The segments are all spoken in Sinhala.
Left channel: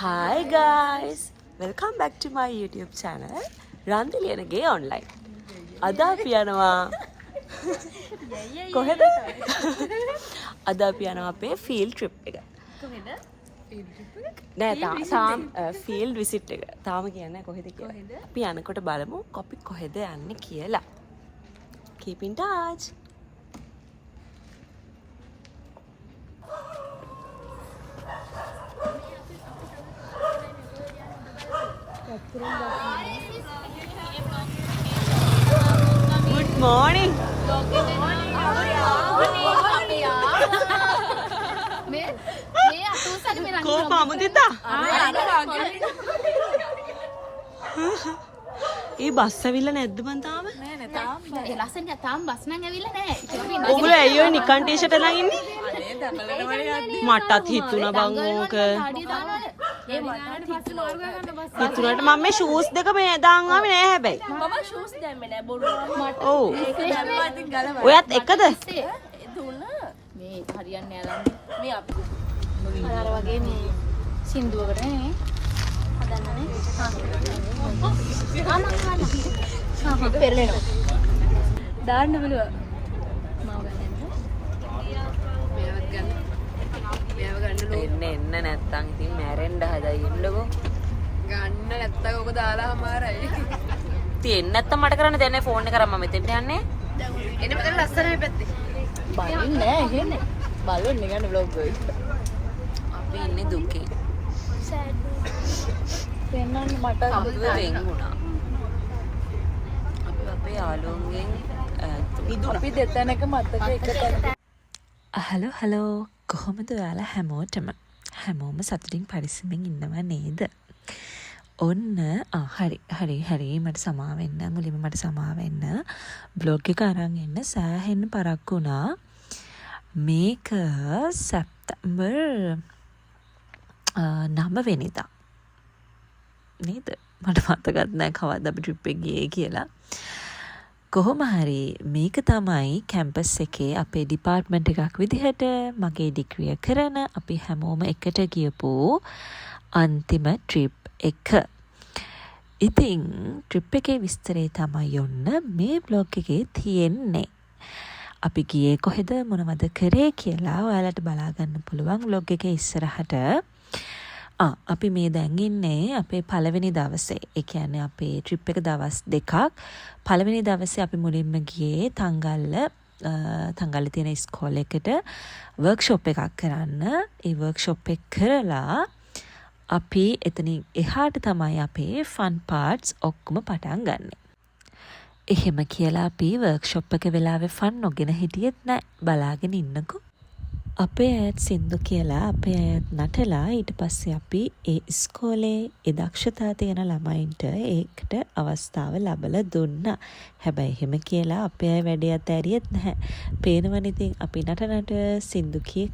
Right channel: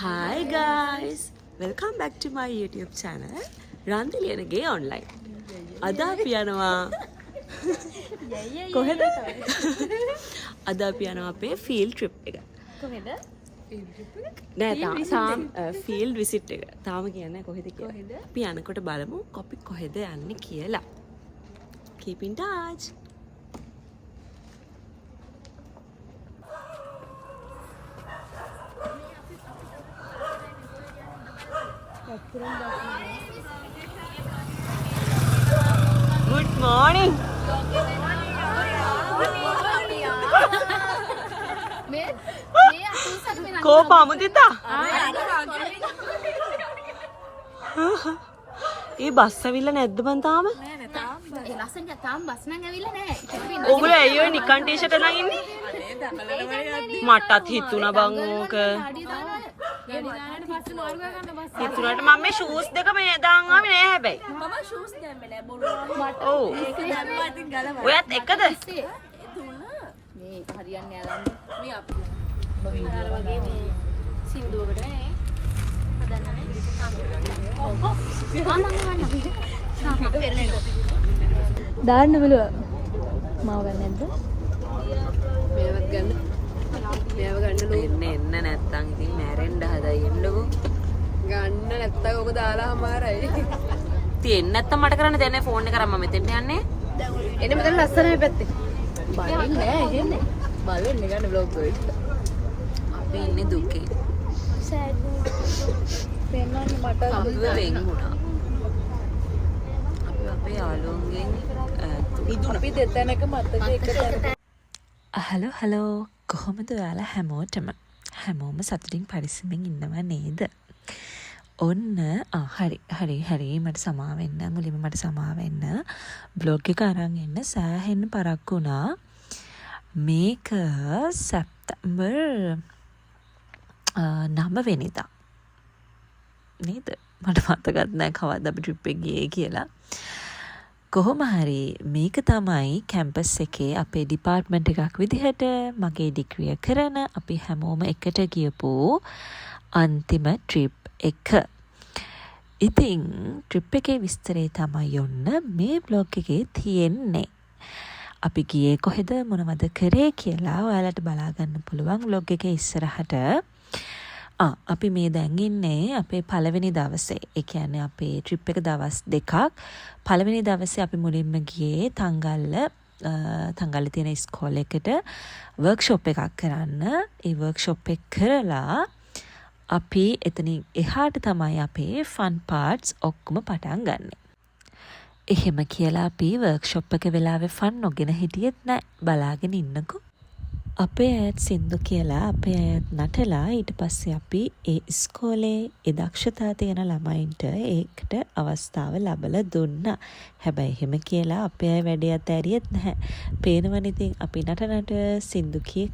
Hi guys, welcome back to my YouTube channel රන්දිලියනගේ online. අද අපි යනවා කොහෙද? අද අපි යනවා අපේ field trip එක. කොහෙද? නෑ තාම field visit එක. තාම කියන්නේ කොහෙද කියලා. අපි යනකොට බලමු අපි කොහෙද යන්නේ කියලා. Keep in touch. Good morning. Ko pamudita? A bus ඇවිල්ලා නැද්ද බන් තාම? නෑ නෑ තාම. ඒ ලස්සන තාම බස් නම් ඇවිල්ලා නෑ. ඔගොල්ලෝ ඇයි ඔය නිකන් ටී-ෂර්ට් එකක් ඉන්නේ? අනේ දබලට වඩේ යද්දි. මටත් හිතුණා බං ඕක. හිතුණාට මම මේ ෂූස් දෙක මේ දාන් ආවේ නෑ හැබැයි. මම ෂූස් දැම්මේ නෑ බොරු. මට ඒක දැම්මා ඉතින් ගලවලා. ඔයත් එකද? දුන්න. මේ හරියන්නේ නෑ මේ අපි. අර වගේ මේ සින්දුවකට නේ. දාන්න බලුවා මාව ගන්න නැද්ද? මේවත් ගන්න. මේව ගන්න එන්න නැත්තම් ඉතින් මැරෙන්න හදයි එන්නකෝ. ගන්න නැත්තම් ඔක දාලා අමාරයි. ඉතින් නැත්තම් මට කරන්න දෙන්නේ ෆෝන් එක කරා මම මෙතෙන්ට යන්නේ. එන්න මෙතන ලස්සනයි පැත්තේ. බලන්නේ නෑ ඉන්නේ. බලන්නේ ගන්න vlog එක. අපි ඉන්නේ දුකේ. අපිව වෙන් වුණා. අපි අපේ යාළුවන්ගෙන් අපි දෙතැනක මතක එකට. හලෝ කොහොමද ඔයාලා හැමෝටම සතුටින් පරිස්සමෙන් ඉන්නව නේද? ඔන්න හරි මට සමා වෙන්න මුලින්ම මට සමා වෙන්න බ්ලොග් එක අරන් එන්න සෑහෙන්න පරක්කු වුණා. මේක සැප්තැම්බර් 9 වෙනිදා නේද? මට මතකත් නෑ කවද්ද අපි ට්‍රිප් එක ගියේ කියලා. කොහොම හරි මේක තමයි කැම්පස් එකේ අපේ ඩිපාර්ට්මන්ට් එකක් විදිහට මගේ ඩිග්‍රිය කරන අපි හැමෝම එකට ගියපු අන්තිම ට්‍රිප් එක. ඉතින් ට්‍රිප් එකේ විස්තරේ තමයි ඔන්න මේ බ්ලොග් එකේ තියෙන්නේ. අපි ගියේ කොහෙද මොනවද කරේ කියලා ඔයාලට බලා ගන්න පුළුවන් බ්ලොග් එකේ ඉස්සරහට. අපි මේ දැන් ඉන්නේ අපේ පළවෙනි දවසේ. ඒ කියන්නේ අපේ ට්‍රිප් එක දවස් දෙකක්. පළවෙනි දවසේ අපි මුලින්ම ගියේ තංගල්ලේ තියෙන ඉස්කෝලේ එකට වර්ක්ෂොප් එකක් කරන්න. ඒ වර්ක්ෂොප් එක කරලා අපි එතනින් එහාට තමයි අපේ ෆන් පාර්ට්ස් ඔක්කොම පටන් ගන්නෙ. එහෙම කියලා අපි වර්ක්ෂොප් එක වෙලාවේ ෆන් නොගෙන හිටියෙත් නෑ. බලාගෙන ඉන්නකෝ. අපේ අයත් සින්දු කියලා අපේ අයත් නටලා ඊට පස්සේ අපි ඒ ඉස්කෝලේ ඒ දක්ෂතා තියෙන ළමයින්ට ඒකට අවස්ථාව ලබලා දුන්නා. හැබැයි එහෙම කියලා අපේ අය වැඩේ අතෑරියෙත් නැහැ. පේනවනේ ඉතින් අපි නට සින්දු කිය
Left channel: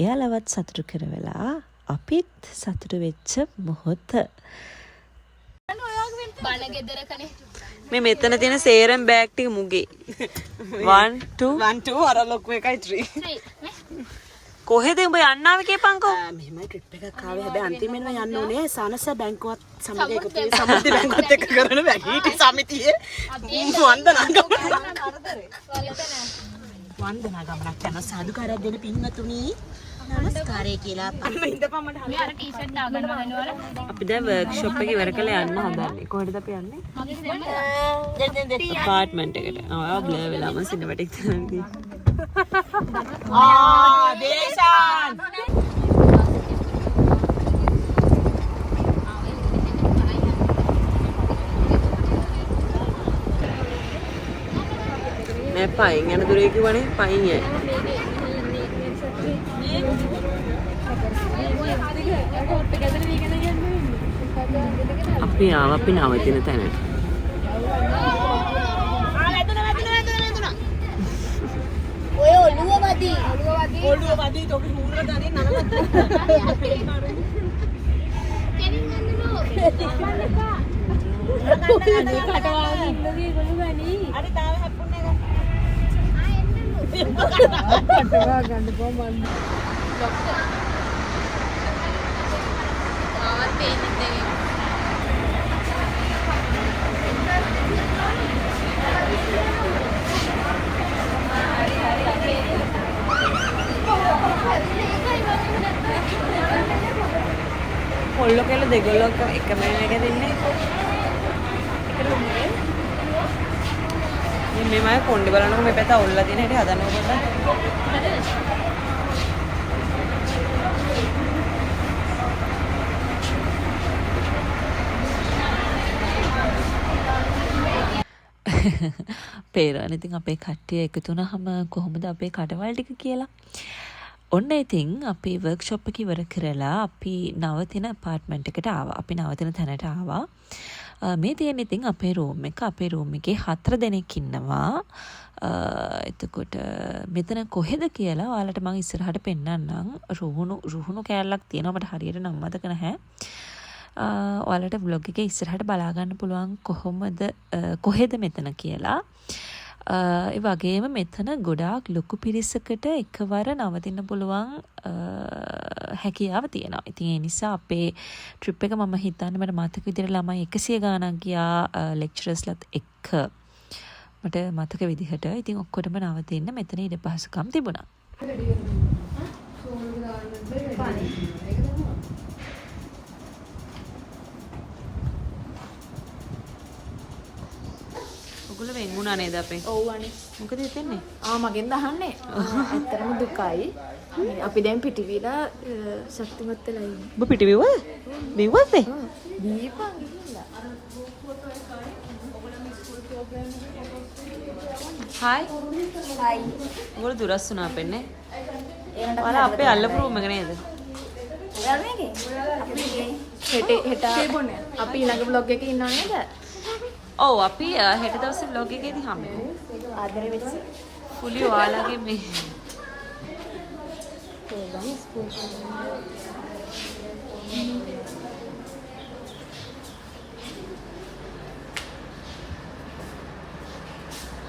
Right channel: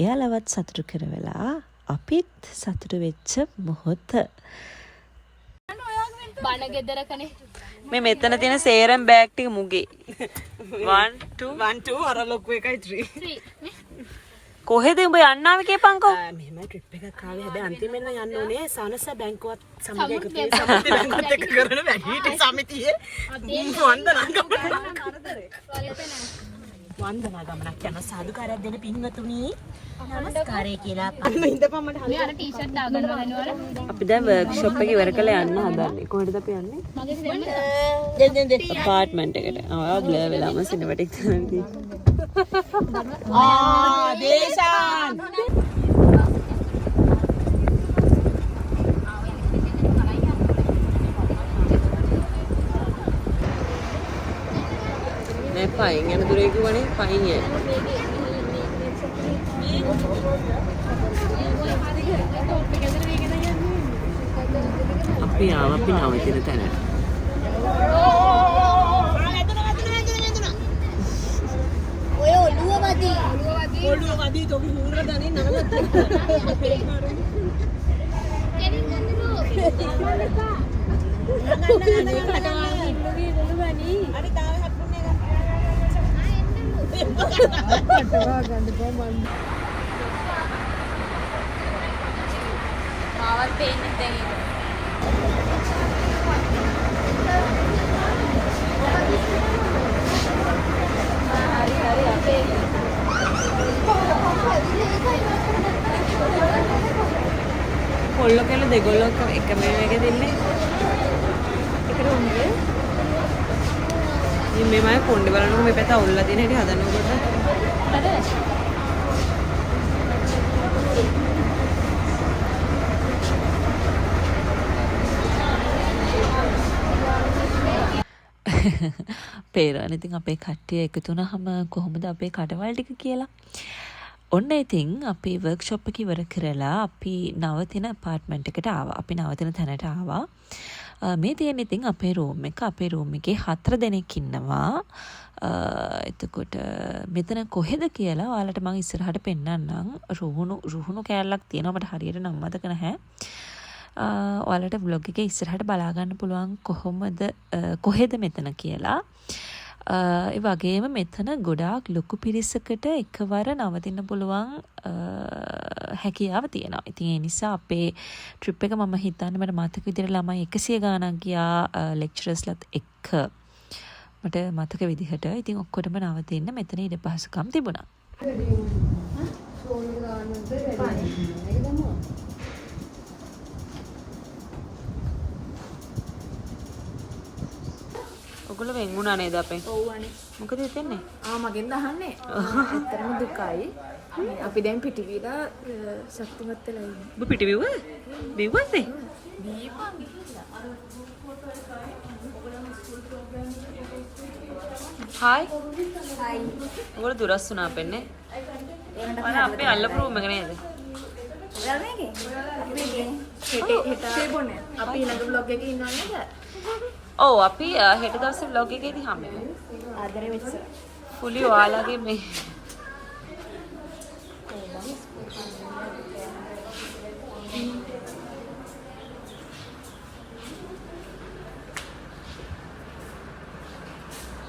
එයාලවත් සතුටු කරවලා අපිත් සතුටු වෙච්ච මොහොත. බණ ගෙදරකනේ මේ මෙතන තියෙන සේරම් බෑග් ටික මුගේ 1 2 අර ලොකු එකයි 3 කොහෙද උඹ යන්න ආවේ කියපන්කෝ. මෙහෙම ට්‍රිප් එකක් ආවේ හැබැයි අන්තිමෙන්ම යන්න ඕනේ සානස බැංකුවත් සමග එකතු වෙලා සමිති බැංකුවත් එක්ක කරන වැඩි සමිතියේ වන්දනා ගමනක් යන සාදුකාරයක් දෙන පින්වතුනි නමස්කාරය කියලා මේ අර ටී-ෂර්ට් දාගන්න වෙනවනේ. අපි දැන් වර්ක්ෂොප් එක ඉවර කරලා යන්න හදන්නේ. කොහෙටද අපි යන්නේ? මගේ ෆ්‍රෙන්ඩ් අපාර්ට්මන්ට් එකට. බ්ලර් වෙලාම සිනමැටික් කරන්නේ. දේශාන් මේ පයින් යන දුරේ කිව්වනේ පයින් යයි. අපි නවතින තැනට. ඔය ඔළුව වදී තොපි හුණා ගනින් නරකට. කොල්ලෝ කියලා දෙගොල්ලෝ එකම එකේ තින්නේ. එක රූම් එකේ. මේ මම කොණ්ඩේ බලනකො මේ පැත්ත අවුල්ලා තියෙන හැටි හදනකො පොඩ්ඩක්. පේරාන ඉතින් අපේ කට්ටිය එකතු වුණාම කොහොමද අපේ කඩවල් ටික කියලා. ඔන්න ඉතින් අපි වර්ක්ෂොප් එක ඉවර කරලා අපි නවතින අපාර්ට්මන්ට් එකට ආවා. අපි නවතින තැනට ආවා. මේ තියෙන ඉතින් අපේ රූම් එක. අපේ රූම් එකේ 4 දෙනෙක් ඉන්නවා. එතකොට මෙතන කොහෙද කියලා ඔයාලට මම ඉස්සරහට පෙන්නන්නම්. රුහුණු කෑල්ලක් තියෙනවා. මට හරියට නම් මතක නැහැ. ඔයාලට vlog එකේ ඉස්සරහට බලා ගන්න පුළුවන් කොහෙද මෙතන කියලා. ඒ වගේම මෙතන ගොඩාක් ලොකු පිරිසකට එකවර නවතින්න පුළුවන් හැකියාව තියෙනවා. ඉතින් ඒ නිසා අපේ ට්‍රිප් එක මම හිතන්නේ මට මතක විදිහට ළමයි 100 ගාණක් ගියා ලෙක්චරර්ස්ලත් එක්ක. මට මතක විදිහට. ඉතින් ඔක්කොටම නවතින්න මෙතන ඉඩ පහසුකම් තිබුණා. ඔගොල්ලෝ වෙන් වුණා නේද අපෙන්? ඔව් අනේ. මොකද හිතෙන්නේ? මගෙන් අහන්නේ. ඇත්තටම දුකයි. අපි දැන් පිටිවිලා ශක්තිමත් වෙලා ඉන්නේ. ඔබ පිටිවිව්වද? විව්වද? හායි. හයි. ඔගොල්ලෝ දුරස් වුණා අපෙන්නේ. මම අපේ අල්ලපු රූම් එක නේද? ළමයිගේ. අපි අපි ඊළඟ vlog එකේ ඉන්නව නේද? ඔව් අපි හෙට දවසේ vlog එකේදී හම්බෙමු. ආදරේ වෙච්ච. පුලි ඔයාලගේ මේ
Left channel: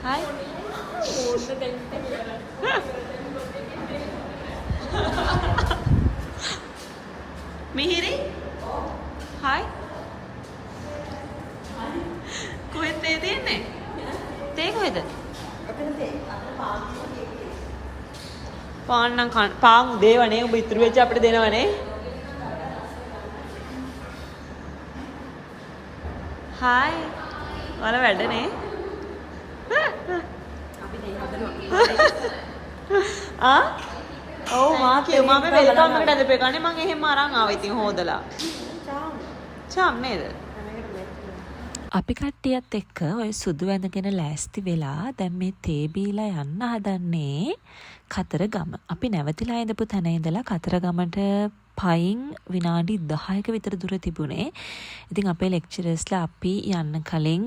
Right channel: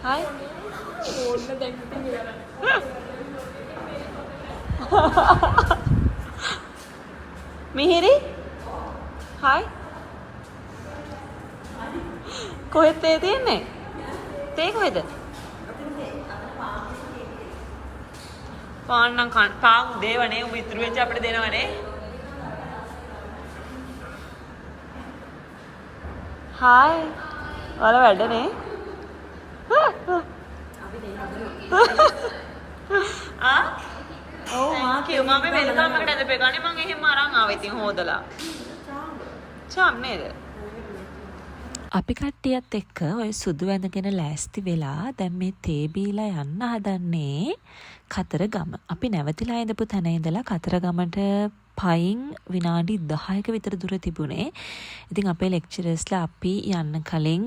හායි. ඕන්න දැන් මිහිරි හායි. කොහෙද තේ තියෙන්නේ? තේ කොහෙද? පාන් නම් පාන් දේවනේ උඹ ඉතුරු වෙච්ච අපිට දෙනවනේ. හායි. ඔයාලා වැඩනේ? අපි දෙයි හදනවා. ඔව් මා කිව්වා මම වෙල්කම් එකට ඇදපේ ගන්නේ මම එහෙම අරන් ආවා ඉතින් හොදලා. චාම් නේද? අපි කට්ටියත් එක්ක ඔය සුදු ඇඳගෙන ලෑස්ති වෙලා දැන් මේ තේ බීලා යන්න හදන්නේ කතරගම. අපි නැවතිලා ඉඳපු තැන ඉඳලා කතරගමට පයින් විනාඩි 10ක විතර දුර තිබුණේ. ඉතින් අපේ ලෙක්චරර්ස්ලා අපි යන්න කලින්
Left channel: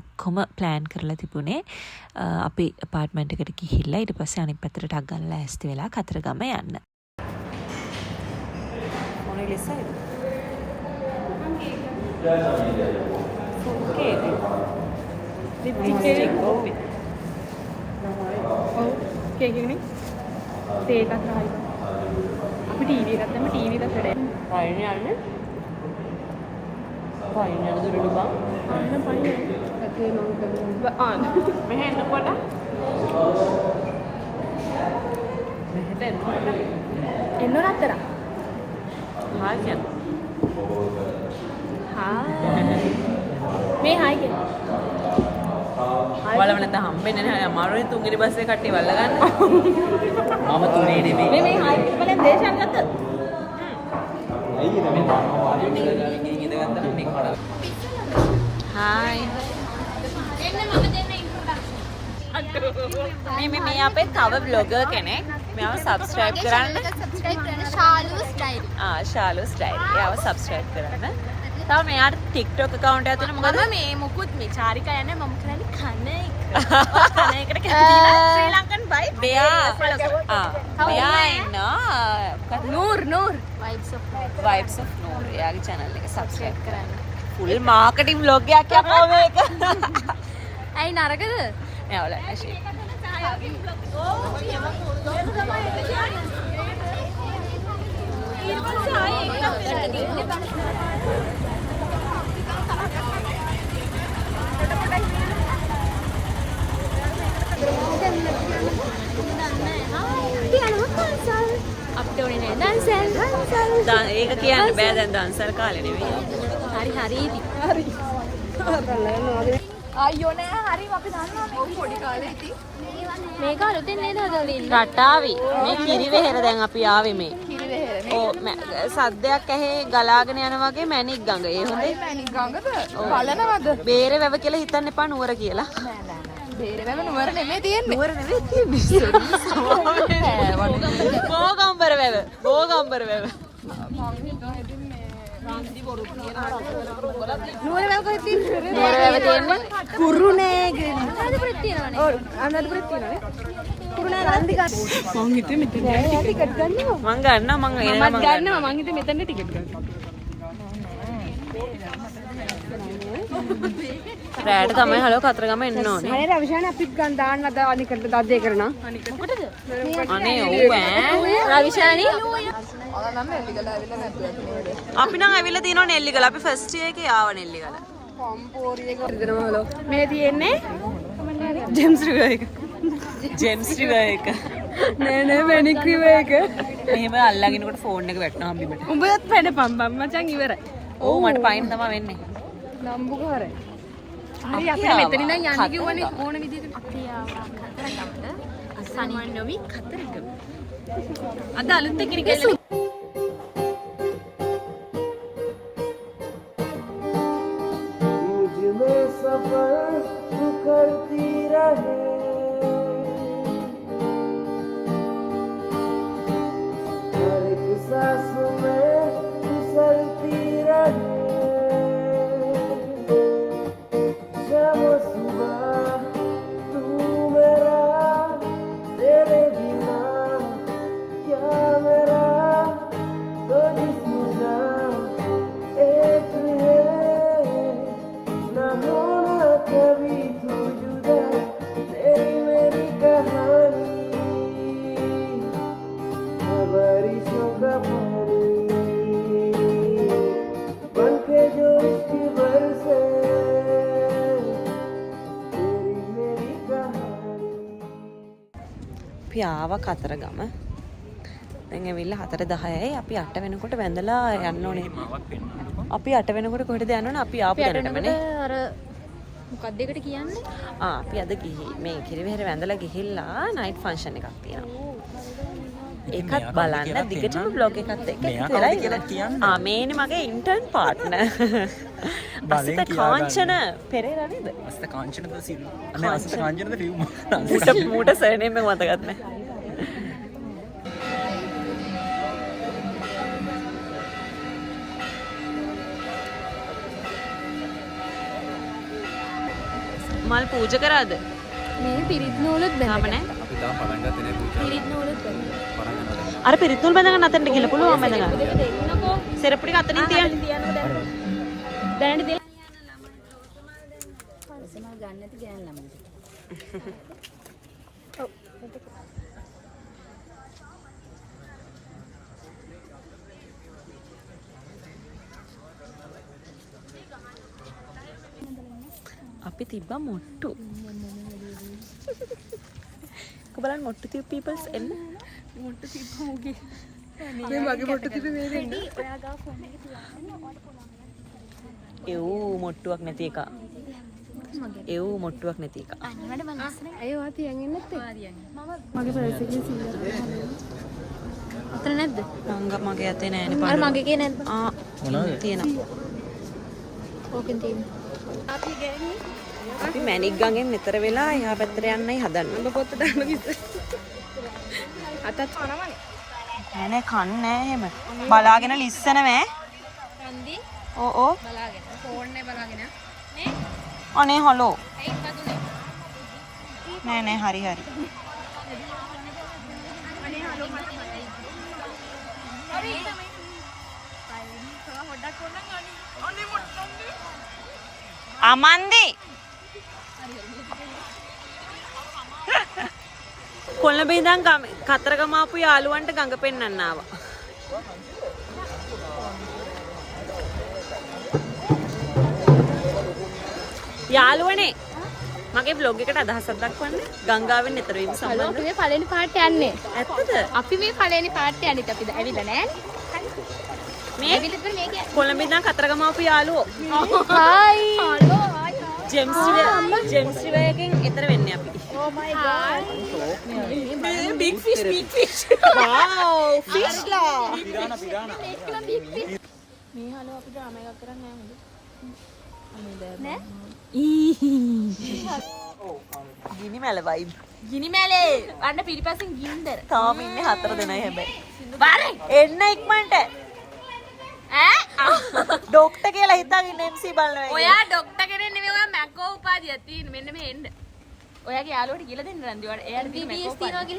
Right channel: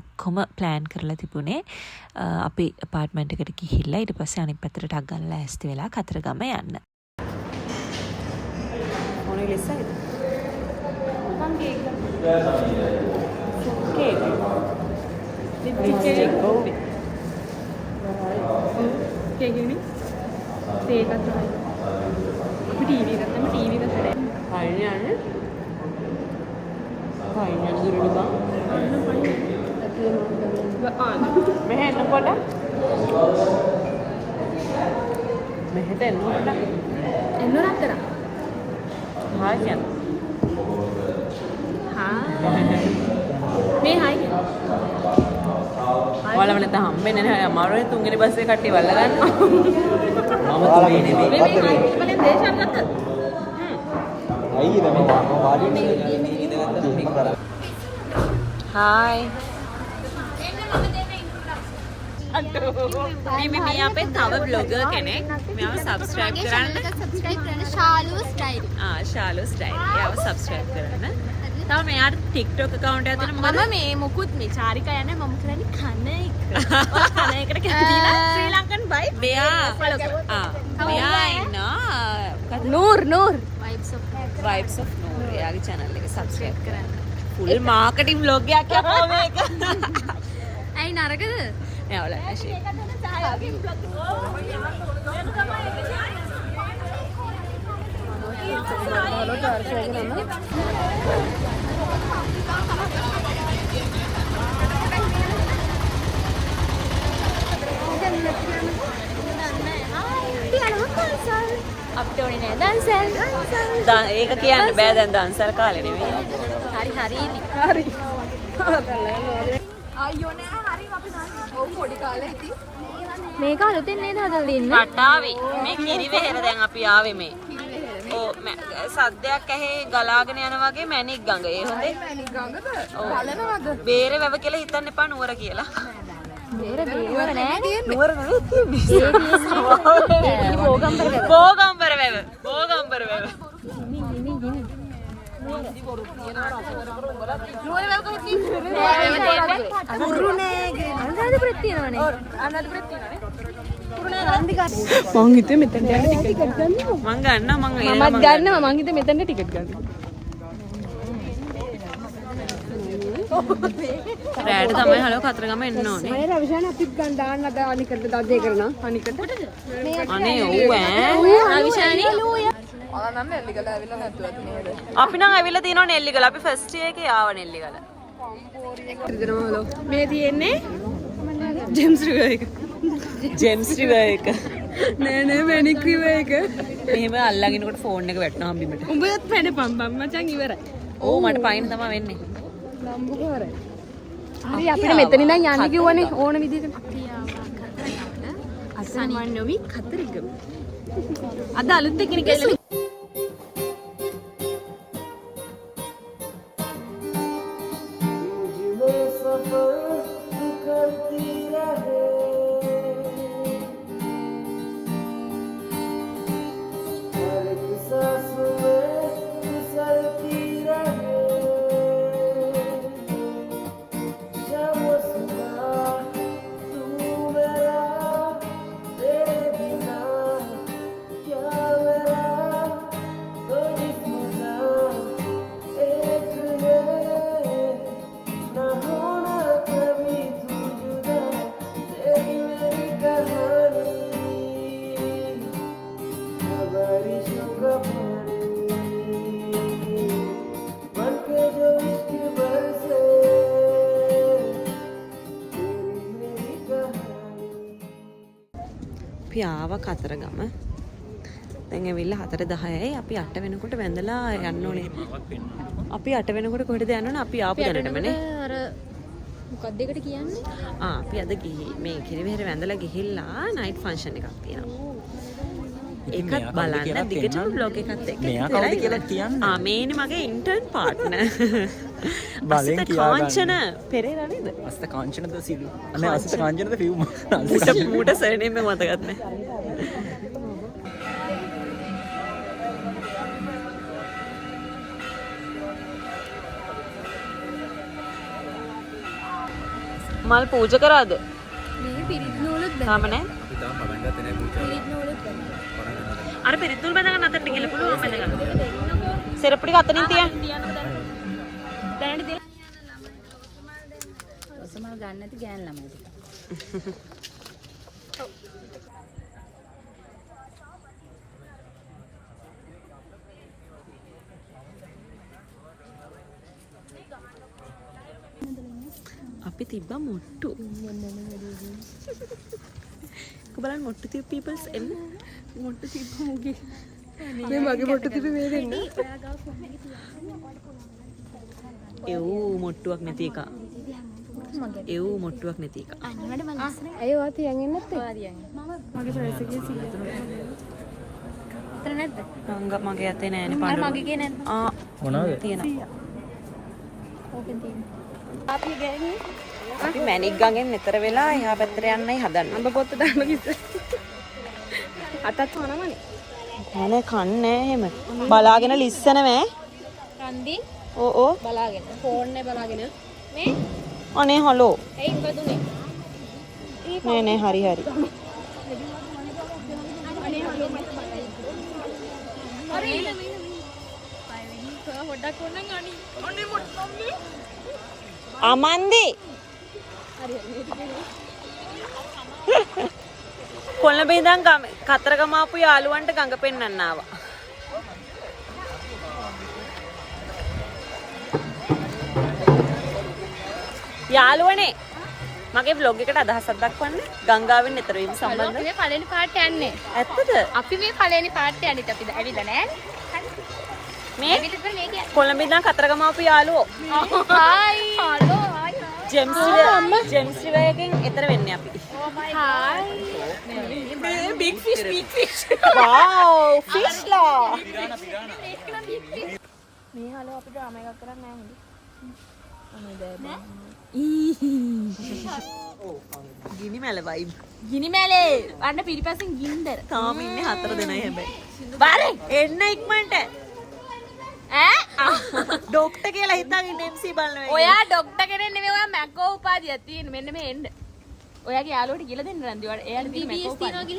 ඔක්කොම ප්ලෑන් කරලා තිබුණේ අපි අපාර්ට්මන්ට් එකට ගිහිල්ලා ඊට පස්සේ අනිත් පැත්තට ටක් ගාලා ලෑස්ති වෙලා කතරගම යන්න. මොනේ ලෙසයිද? Cake. Cake. Oh. Cake ini. Teh apa? TV kan TV kan sudah. Kayaknya aneh. Kayaknya dulu di bang. Tapi memang kan. Mehen nak pada? Mehen tu nak pada? Enak nak tak? Hai kan? මේ හයි ඔයාලම නැත්නම් හම්බෙන්නේ නැහැ අමාරුයි තුන්වෙනි බස් එකේ කට්ටිය වල්ල ගන්න. මම තුනේ නෙමෙයි. මේ හයි මම දේශම් ලක්ක. හායි. මේ අපේ තව බ්ලොගර් කෙනෙක්. මෙයාව සබ්ස්ක්‍රයිබ් කරන්න. සබ්ස්ක්‍රයිබ් කරන්න ශාලූස් ඩයරි. ශාලූස් ඩයරි. එයාව සබ්ස්ක්‍රයිබ් කරන්න. තව මෙයාට TikTok account එකක් තියෙනවා. මොකද මේ මොකුත් මේ චාරිකා යන්නේ මම කරන්නේ කන එක. කන එකට කැමතිලා ශ්‍රී ලංකන් බයි. මෙයා ඉන්නවා මොකද නූර් vibes of Noor. එයාගේ channel එක subscribe කරන්න. full marketing vlog එකක් යකෝ මේක. ඇයි නරකද? නෑ ඔයාලා ඇෂේ. අපිට ඕනේ නෑ දන්සල්. ඒක කියන්න බෑ දැන් දන්සල් කාලේ නෙවෙයි. හරි. අයියෝ නෑ හරි අපි දන්නවා. ඔව් පොඩි කාලේ ඉතින්. මේක අලුතෙන් නේද දෙන්නේ? රටාවි මේ කිරිවෙහෙර දැන් අපි ආවේ මේ. කිරිවෙහෙර. ඕ සද්දයක් ඇහි ගලාගෙන යන වගේ මැණික් ගඟ. ඒ හොඳේ. මැණික් ගඟද? බලනවද? බේරේ වැව කියලා හිතන්න එපා නුවර කියලා. බේරේ නුවර නෙමෙයි තියෙන්නේ. නුවර නෙවෙයි තියෙන්නේ. බෝගම්බර වැව. බෝගම්බර වැව. නුවර වැව කොහෙද තියෙන්නේ? නුවර වැව තියෙන්නේ කුරුණෑගල. අනුරාධපුරේ තියෙනවනේ. අනුරාධපුරේ තියෙනවනේ. මං හිතුවේ මෙතන ටිකට් ගන්නවා. මං ගන්නවා මං එනකම් මං ගන්නවා. මං හිතුවේ මෙතන ටිකට් ගන්නවා. රෑට තමයි හලෝ කතරගම එන්න ඕනේ. අනේ රවිෂාන අපිත් ගන්න දාන්න අද අනිකට ගද්දේ කරනවා. අනිකට. අනේ ඔව් ඈ. රවිෂානි අපි නම් ඇවිල්ලා තියෙනවා නෙල්ලිගල. අපි ෆස්ට් ඉයර් එකේ ආව නෙල්ලිගල. මේ තියෙන්නේ ජෙම්ස් රිවර් එක. ජෙම්ස් රිවර් එක. නෑ මැනික් රිවර් එක. මෙහෙම අල්ලගෙනකොට ෆෝන් එක වැටෙනවා හම්බිමට. උඹත් වැඩපම් මචං ඉවරයි. ඔව් මට පයින් තමයි වෙන්නේ. නම්බුවරයි. හරි අපිට මෙතන ඉඳන් යන්න කිව්වනේ ඕන විදිහට. අපි ආවා කතරගමට. සනින්නොවි කතරගම. අද අලුත් එකකින් ගිහලා අපි ආවා කතරගම. දැන් ඇවිල්ලා 4:10යි. අපි 8 වෙනකොට වැඳලා යන්න ඕනේ. අපි 8 වෙනකොට කොහෙටද යන්න ඕනේ? අපි ආපු දැනටමනේ. අර මොකක්ද ඒකට කියන්නේ? අපි අද මේ කිරිවෙහෙර වැඳලා ගිහිල්ලා නයිට් ෆන්ක්ෂන් එකක් තියෙනවා. ඒකත් බලන්න දිගටම බ්ලොග් එකත් එක්ක මේනේ මගේ ඉන්ටර්න් පාර්ට්නර්. අසිත කාංචන පෙරේරා නේද? අසිත කාංචනද සිව්. අනේ අසිත කාංචනද ෆිව් මට සර්නේම් එක මතකත් නැහැ. මල් පූජා කරාද? මේ පිරිත් නූලත් තාම නැහැ. අපි තාම පටන් ගත්තේ නැහැ පූජා. පිරිත් නූලත් පටන් ගන්නවා. අර පිරිත් නූල් බඳගන්න අතනට ගිහලා පුළුවන් බඳගන්න. සෙරප්පු ටික අතනින් තියන්න. දැනට දෙන්න. ඔසමල් ගන්න නැති ගෑන් ළමයි. අපි තිබ්බා මොට්ටු. බලන්න මොට්ටු තියපු පීපල්ස් එන්න. මොට්ටු තිබ්බා මොකේ. මේ මගේ මොට්ටු තිබ්බේ මේ දෙන්නේ. එව් මොට්ටුවක් නැති එක. එව් මොට්ටුවක් නැති එක. මට මනසනේ. අයියෝ ආ තියන් ඉන්නත් මගේ පර්ස් එකේ 100ක්. අතන නැද්ද? මගේ අතේ නෑනේ පඬුරු. මගේ එකේ නැද්ද? තියෙනවා. ඕකෙන් තියෙනවා. අපි මැණික් ගඟෙන් මෙතර වෙලා එහා පැත්තට යන්නයි හදන්නේ. අඹ පොත්ත දාන්න කිව්වා. අතත් වනවනේ. නෑ කන්නේ එහෙම. බලාගෙන ලිස්සනවෑ. රන්දි ඕ බලාගෙන ෆෝන් එක බලාගෙන මේ අනේ හලෝ. ඇයි මොකද උනේ? නෑ හරි. අනේ හලෝ මට බලයි. අර ඉන්න හොඩක් උනන් අනේ මොට්ටම්නේ. අමන්දි කොළඹ ඉඳන් කතරගම ආපු යාළුවන්ට ගඟ පෙන්නන්න ආවා. යාළුවනේ මගේ vlog එකට අදහසක් දක්වන්න. ගංගාවෙන් නතර වීම සම්බන්ධව. මේ පළවෙනි පාට යන්නේ. ඇත්තද? අපි මේ පළවෙනි පාට යන්නේ අපි ඇවිල්ලා නෑනේ. මේ කොළඹ ඉඳන් කතරගම ආපු යාළුවෝ. හායි. හලෝ. ජෙම්ස් රිවර් එකෙන් එතර වෙන්නේ අපි. Oh my god. big fish. wow, fish ලා. ගිනි මැල vibe. ගිනි මැලේ. අන්න පිටිපස්සෙන් ගින්දර. තාම ඉන්නේ 4 දෙනයි හැබැයි. බාරේ එන්න ඉක්මනට. ඈ ડોක්ටර් කියලා හිතාගෙන MC බලනවා. ඔයා ડોක්ටර් කෙනෙක් නෙමෙයි ඔයා මැකෝ උපාධියක් තියෙන මෙන්න මේ එන්න. ඔයාගේ යාළුවට කියලා දෙන්න රන්දි. එයාට තියෙන මැකෝ උපාධිය.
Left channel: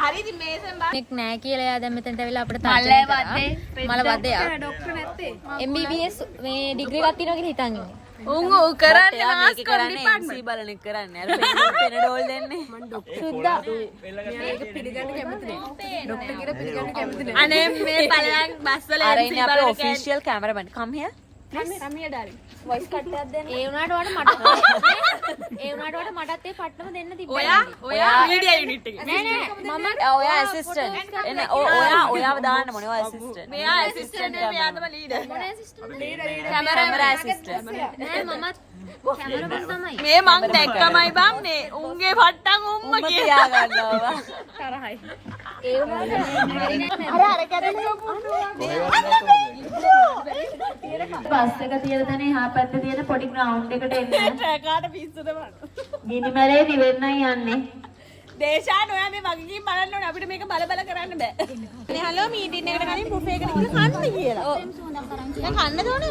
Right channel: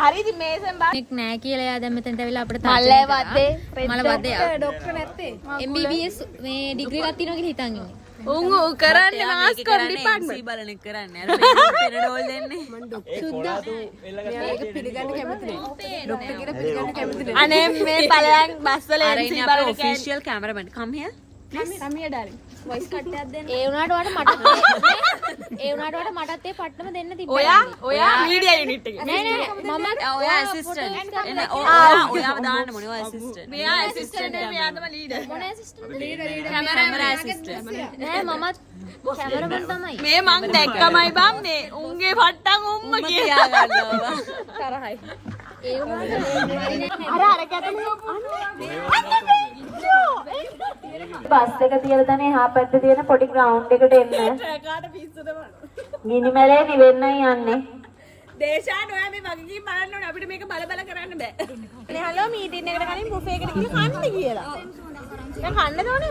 හරි ඉතින් මේසෙන් බා. නෙක් නෑ කියලා එයා දැන් මෙතනට ඇවිල්ලා අපිට මල්ලේ වද්දේ. මල වදේ ડોක්ටර් නැත්තේ. MBBS මේ ඩිග්‍රී එකක් තියෙනවා කියලා හිතන් ඉන්නේ. උන් ඌ කරන්නේ මේක මාස් කරන්නේ MC බලන එක කරන්නේ. අර පෙරඩෝල් දෙන්නේ. මන් ડોක්ටර් සිද්දා. මේක පිළිගන්න කැමති නේ. ડોක්ටර් කියලා පිළිගන්න කැමති නේ. අනේ මේ පළයන් බස් වල අර MC ඉන්නේ අපේ බලන official cameraman. come here. කමිය ඩාලින්. වොයිස් කට් එකක් දෙන්න. ඒ වුණාට මටත් ඒ පට්ටම දෙන්න තිබ්බා. ඔයා මීඩියා යුනිට් එකේ. ඔයා assistant. එන්න ඔයාව දාන්න මොනේ ඔයා assistant. මෙයා ඇසිස්ටන්ට් නේ මෙයා තමයි ලීඩර්. මොන ඇසිස්ටන්ට් කැමරාමන් ඇසිස්ටන්ට්. නෑ මමත් කැමරාමන් තමයි. මේ මං දැක්කමයි බං මේ උන්ගේ පට්ටම් උම්ම උඹ කියා ගන්නවා. තරහයි. ඒ වුණාට බස් එක තියලා තනේ එහා පැත්තේ තියෙන පොඩි ග්‍රවුන්ඩ් එකට එන්න. ට්‍රැකාට පිස්සුද බං. ගිනි මැලේ නිවෙන්නයි යන්නේ. දේශාන් ඔයා මේ වගකීම් බලන්න ඕනේ අපිට මේක බල බල කරන්න බෑ. අනේ හලෝ මීටින් එකට කලින් බුෆේ එකට ගිහින් කන්න කියලා. ඔව්. දැන් කන්න ඕනේ.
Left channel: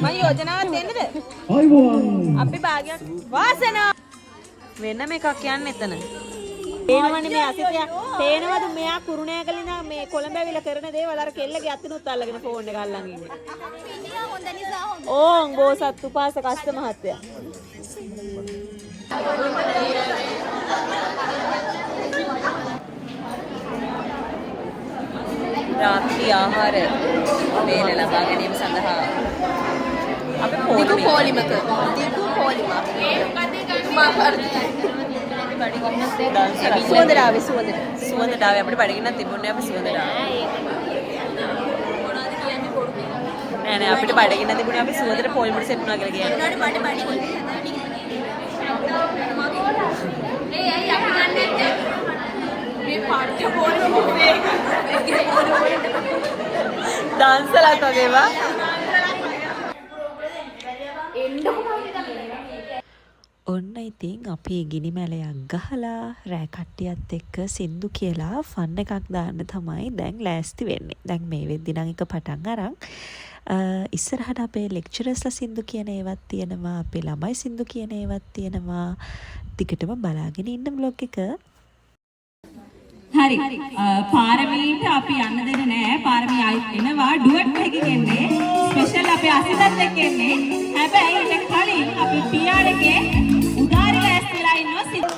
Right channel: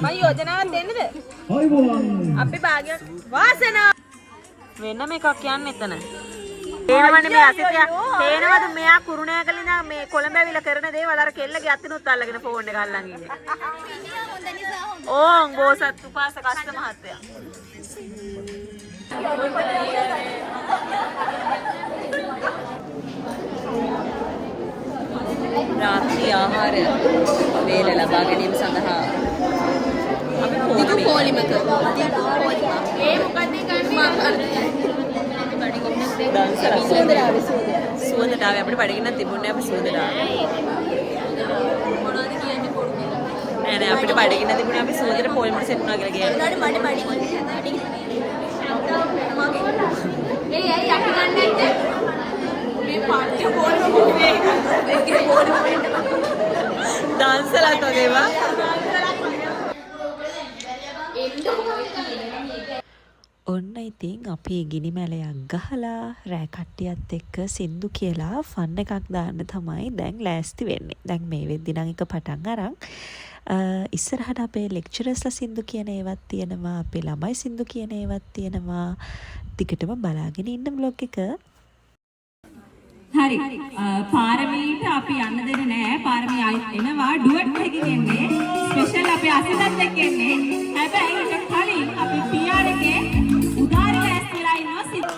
මම යෝජනාවක් දෙන්නද? අපි භාගයක් වාසනා වෙනම එකක් යන්න එතන. පේනවනේ මේ අසිතයා. පේනවද මෙයා කුරුණෑගල ඉඳන් මේ කොළඹ ඇවිල්ලා කරන දේවල් අර කෙල්ලගේ අතිනුත් අල්ලගෙන ෆෝන් එක අල්ලන් ඉන්නේ. ඕන් බෝසත් උපාසක අස්ත මහත්තයා. රාත්‍රී ආහාර වේල ලබා ගැනීම සඳහා අපි පොලිමක සුවඳට ආවේ අපිට බඩගින්නක් තිබුණේ අපි සුවඳට ආවේ. නෑ නෑ අපිට බඩගින්න තිබුණේ අපි සුවඳට පොලිමට සෙට් වුණා කියලා කියන්නේ. ඩාන්සලක් වගේ වා. ඔන්න ඉතින් අපි ගිනි මැලයක් ගහලා රෑ කට්ටියත් එක්ක සින්දු කියලා ෆන් එකක් දාන්න තමයි දැන් ලෑස්ති වෙන්නේ. දැන් මේ වෙද්දි නම් එක පටන් අරන් ඉස්සරහට අපේ ලෙක්චරර්ස්ලා සින්දු කියන ඒවත් තියෙනවා, අපේ ළමයි සින්දු කියන ඒවත් තියෙනවා. ටිකටම බලාගෙන ඉන්න බ්ලොග් එක. හරි පාරමීට අපි යන්න දෙන්නේ නැහැ. පාරමී ආයෙත් එනවා ඩුවට් එකකින් එන්නේ. ස්පෙෂල් අපේ අසිතත් එක්ක එන්නේ. හැබැයි ඊට කලින් අපි PR එකේ උදාරි ලෑස්තිලා ඉන්නවා සිත්.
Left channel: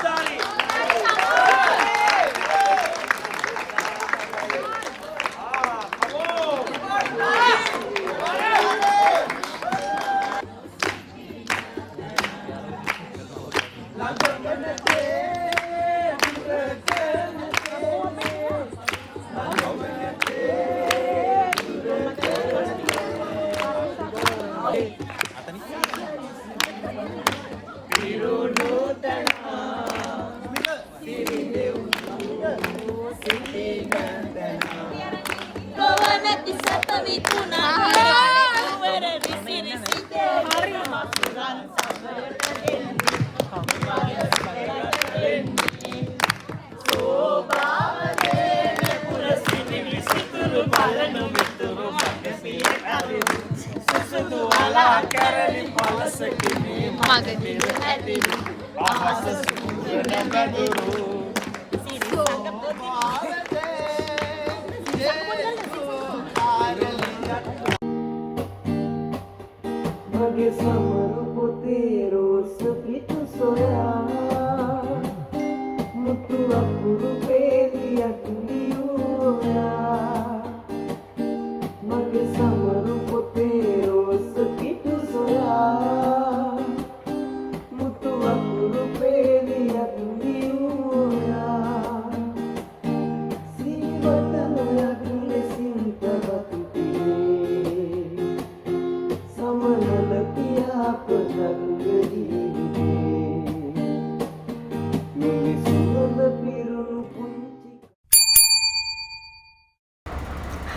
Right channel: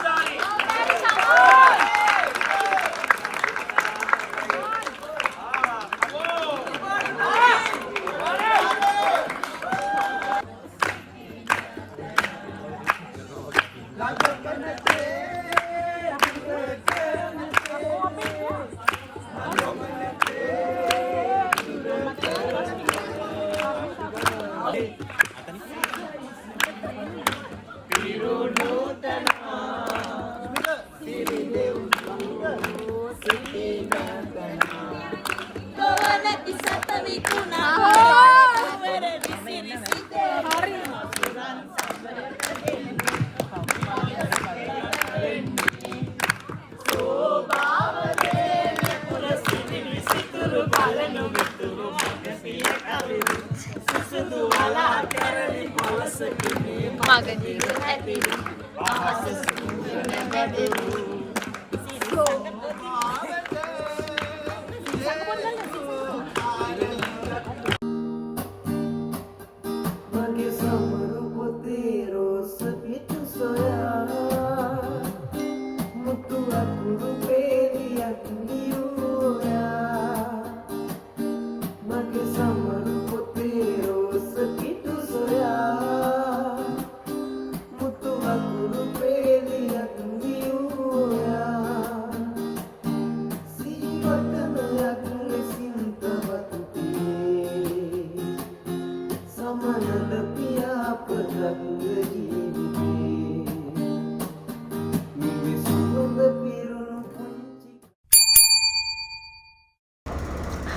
Mage samaru putih ros pitu soya mutu akuru peliyak niya Mage samaru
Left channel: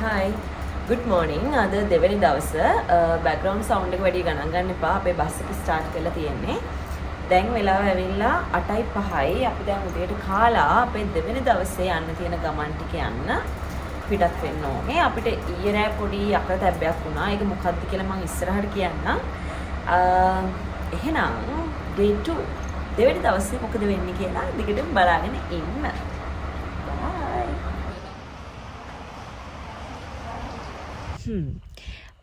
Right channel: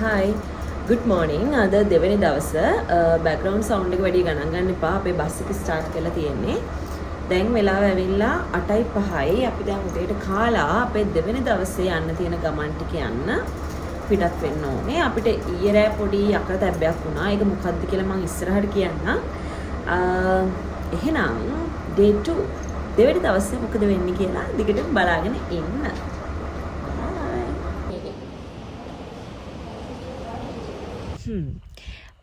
හයි good morning අද දෙවෙනි දවස බෑග්‍රවුන්ඩ් සවුන්ඩ් එක වැඩි ගණන් ගන්න එපා අපේ බස් එක ස්ටාර්ට් කරලා තියෙන්නේ දැන් වෙලාව ඇවිල්ලා 8:05යි අපි දැන් උදේට කාලා අපේ දෙවෙනි දවසේ යන්න තියෙන ගමන් ටික යන්න පිටත් වෙන්න ඕනේ අපිට ඊයේ රෑ පොඩි අකරතැබ්බයක් වුණා ඒක මොකක්ද කියලා මම ඉස්සරහට කියන්නම් එහෙනම් day 2 දෙවෙනි දවසේ මොකද වෙන්නේ කියලා දිගටම බලාගෙන ඉන්න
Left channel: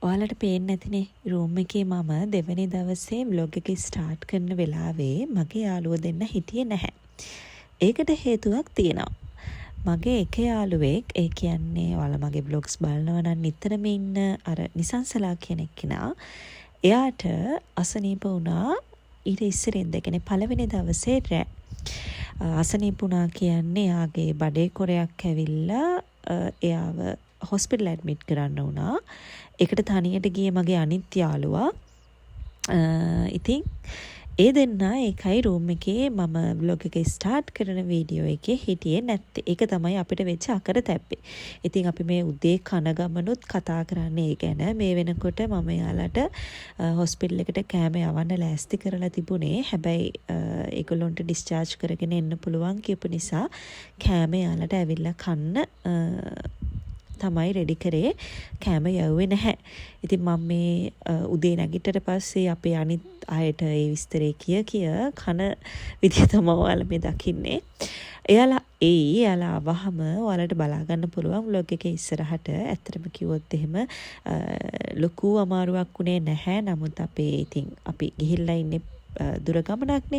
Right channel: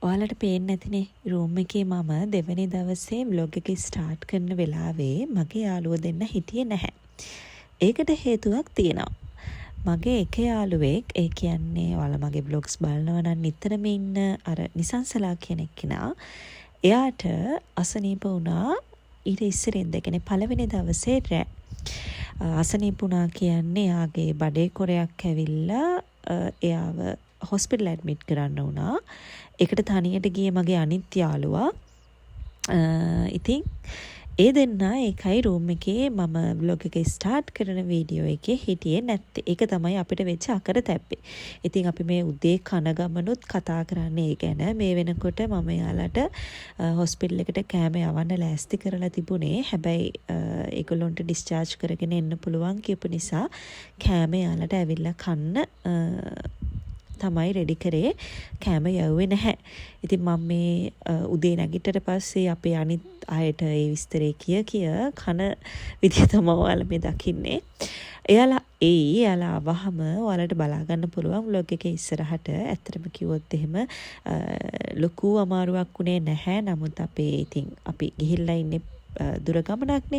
ඔයාලට පේන්නේ නැතිනේ රූම් එකේ මම දෙවෙනි දවසේ vlog එක ස්ටාර්ට් කරන වෙලාවේ මගේ යාළුවෝ දෙන්න හිටියේ නැහැ. ඒකට හේතුවක් තියෙනවා. මගේ එක යාළුවෙක් ඒ කියන්නේ ඔයාලා මගේ vlogs බලනවා නම් නිතරම ඉන්න අර නිසංසලා කියන එක්කෙනා එයාට අසනීප වුණා ඊට ඉස්සරින් දෙකනේ පළවෙනි දවසේ රෑ. අසනීප වුණා කියන්නේ එයාගේ බඩේ කොරයක් ඇවිල්ලා එයාව හොස්පිටල් ඇඩ්මිට් කරන්න වුණා. ඒකට තනියට ගියේ මගේ අනිත් යාළුවා. ඉතින් ඒ දෙන්නා ඒකයි රූම් එකේ මම vlog එක ස්ටාර්ට් කරන වීඩියෝ එකේ හිටියේ නැත්තේ. ඒක තමයි අපිට වෙච්ච අකරතැබ්බේ. ඉතින් අපි මේ උදේ කන ගමනුත් කතා කරන්නේ ඒ ගැන. මේ වෙනකොට මම යාලට හොස්පිටල් එකට කෑම යවන්න ලෑස්ති කරලා තිබුණේ. හැබැයි ඒගොල්ලොන්ට ඩිස්චාර්ජ් කරගෙන එන්න පුළුවන් කියපු නිසා කෑම යාලට ඇවිල්ලා කන්න තමයි රෙඩි කරේ කෑම යවුවේ නැහැ. ඉතින් මම මේ උදේ නැගිටට පස්සේ අපේ අනිත් අයට ඒ විස්තරේ කිය කන විදිය තමයි ඔයාලා මේ දකින්නේ. එයාලා ආවහම ඔයාලට බලා ගන්න පුළුවන් vlog එකේ ඉස්සරහට. ඇත්තටම කිව්වොත් එහෙම ලොකු අමාරුවක් උනේ නැහැ. නමුත් අපි ගිහිල්ලා ඉන්නේ දුර ගමනක්නේ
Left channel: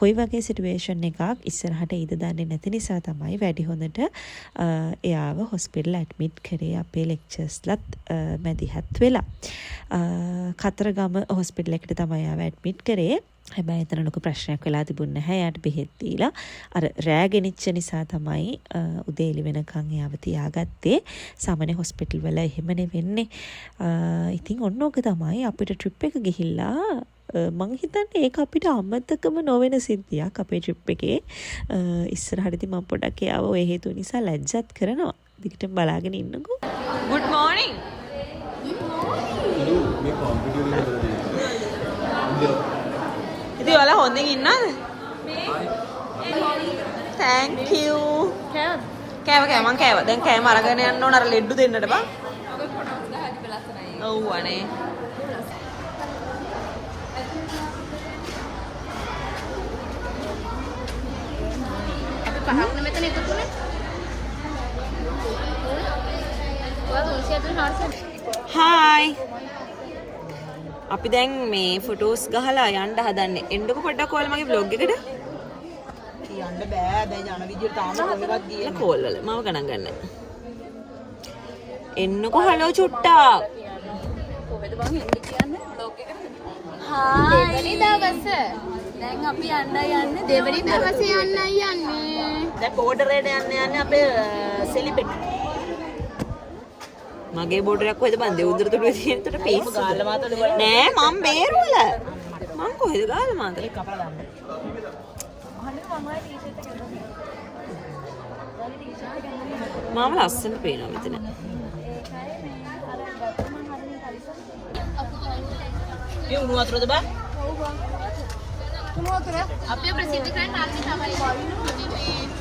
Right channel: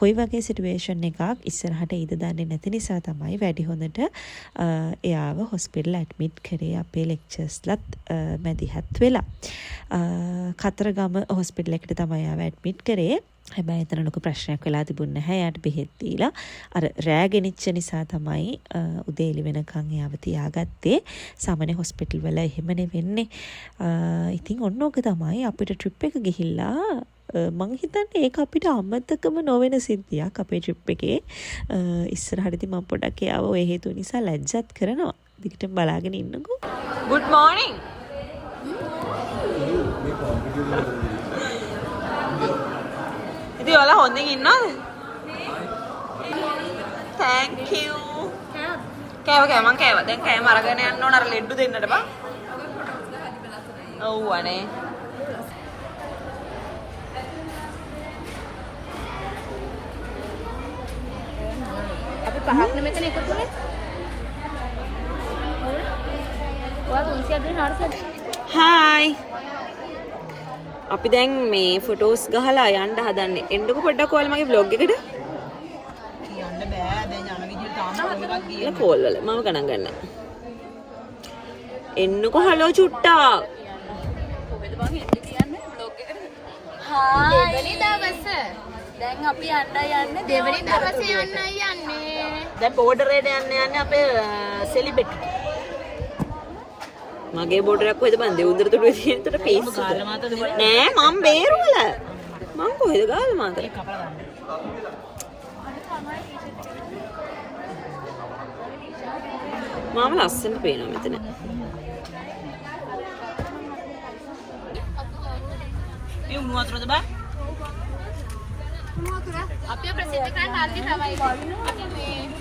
කොයි වගේ සිටුේෂන් එකක් ඉස්සරහට ඉද දන්නේ නැති නිසා තමයි වැඩි හොඳට එයාව හොස්පිටල් ඇඩ්මිට් කරේ අපේ ලෙක්චර්ස්ලත් මැදිහත් වෙලා කතරගම හොස්පිටල් එකට තමයි එයාව ඇඩ්මිට් කරේ හැබැයි එතන ලොකු ප්‍රශ්නයක් වෙලා තිබුණ නැහැ එයාට බෙහෙත් දීලා අර රෑ ගෙනිච්ච නිසා තමයි උදේ එළි වෙනකන් එයාව තියාගත්තේ සාමාන්‍ය හොස්පිටල් වල එහෙමනේ වෙන්නේ ඉතින් ඔන්න ඕක තමයි අපිට ට්‍රිප් එක ගිහිල්ලා මං හිතන්නේ ඒක අපිට අමතකම නොවන සිද්ධියක් අපේ ට්‍රිප් එකේ ඉස්සරහටදී මම පොඩක් එයාව ඔය හේතු නිසා ලැජ්ජත් කරනවා. දිගටම බලාගෙන ඉන්නකෝ. good morning. ඉතින් ඔයාලා හොඳින් ඉන්නවද? thank you. කෑව මං කෑවා. දැන් කෑම අරගෙන යන්න ඕන අර ලෙඩ්ඩු දෙන්නට බා. ඔව් අනේ. හායි අපි දැන් මේ ෆොටෝස් ගහලා යන්න හදන්නේ එන්නකො පොඩ්ඩක් ඔයාලා මගේ vlog එකට කියන්න බෑ දැන් යන විදියට තාම කොහෙවත් ගියේ කෝල් වල මම ගණන් ගන්නෑ එන්නකො හලෝ චුට්ටා කොහෙද මං එන්න කියන්නේ vlog එකට හායි දෙවෙනි දවස දැන් අපි යන්නේ දෙවෙනි දවසේ යන්නේ දැන් බෝඩරේට යන්නේ අපේ සෙලිබෙට් මගේ බෝඩරයක් කොහෙද බං දෙවුන්දර තුඩුවේ තියෙනතර පිස්සුද නෑ මම බේරුවල මං කොහෙද ගාලා මාතර මම ලස්සනට පේනවා මෙතන මේ උණු වතුරද බං උණු වතුර අපේ ප්‍රසිද්ධ කරන ආර්ති තමයි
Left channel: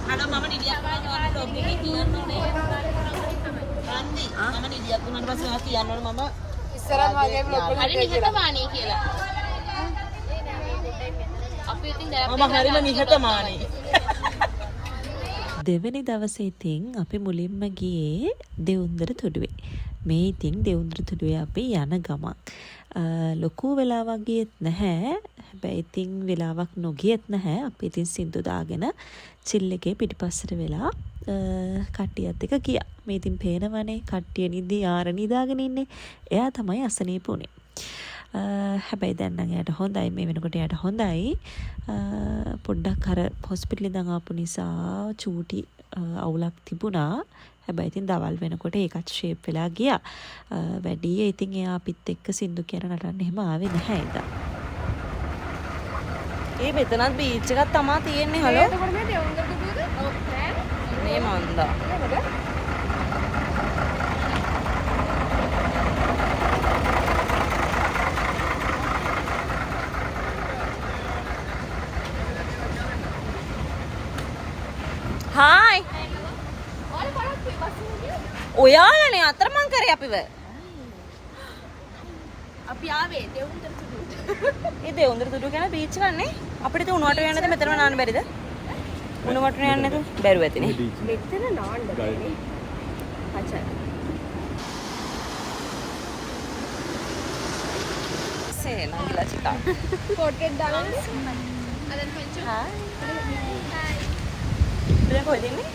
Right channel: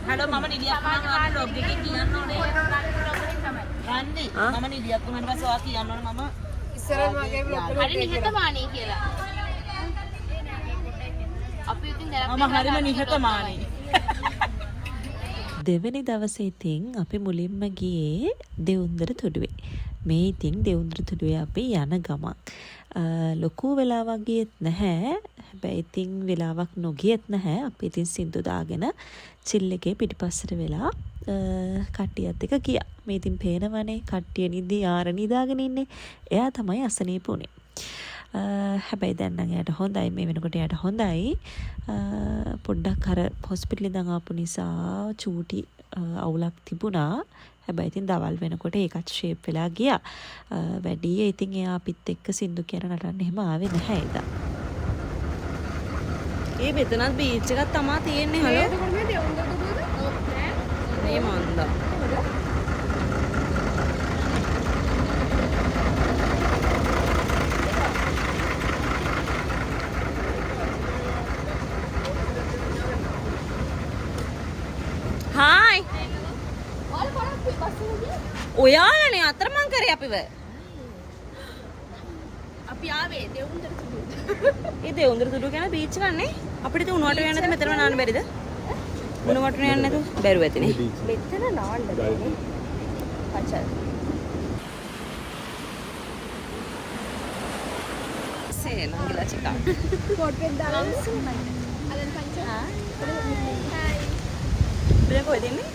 හලෝ මම නිදියක් වුණා මම ලොග් එකේ කියන්න ඕනේ මම නිදියක් වුණාට පස්සේ ඔයා කියන්න ඕනේ මම ඉස්සරහ වගේ vlog වල හරි නිහතමානී කියලා. අපි ඉතින් දැන් මම හරිම නිහතමානී. දෙවෙනි දවසේ ඉතින් අපි මුලින්ම ගියේ දෙවුන්දර තුඩුවේ. මේ ඉතින් දෙවුන්දර තුඩුවේ අපි යන ගමන්. ලොකු වෙලාවක් ගියෙත් නැහැ. හැබැයි ඉතින් වෙලාවක් නොගියෙත් නැහැ. අපි ඉතින් සින්දු දාගෙන චිල් එකේ පිටිපස්සට වෙලා කට්ටියත් එක ගියා. මේ ඉතින් පේනවනේ කට්ටිය ආර නිදාගෙන ඉන්නේ. එයා තමයි අසනීප උනේ. හැබැයි දැන් නම් එයාට හොඳයි මේ වෙනකොට එයාට හොඳයි. පොඩ්ඩක් අර හොස්පිටල් ඉඳන් ආපු නිසා චූටි අවුලක් තිබුණා. හැබැයි ඉතින් දවල් වෙනකොට ඒකත් ෂේප් වෙලා ගියා. වැඩි ඉතින් එයා අපිත් එක්ක සින්දු කියන නටන්න එහෙම ආවේ නැහැ එදා. ඒ මෙතනත් බීච් එකක් තමයි තියෙන්නේ හලෝ. මේ මන්දා. හායි ඔයාලනේ අතරමං කරේ අපිව අපි ආවේ දෙවුන්දර ඒ දෙවුන්දර තුඩු කියන බීච් ගන්නේ අපිට ඉතින් උණුවට යන්න නැද මෙතනම නාන්න බැරිද උණුවට යන්න නැතු බැරුව ඇතිනේ මෙතන නාන්නේ පච්චල් සේ නංගිලා චිකා පොට්ටෙක් දාලා අදන් පංචෝ හායි හායි දැන් කොහෙද ඉන්නේ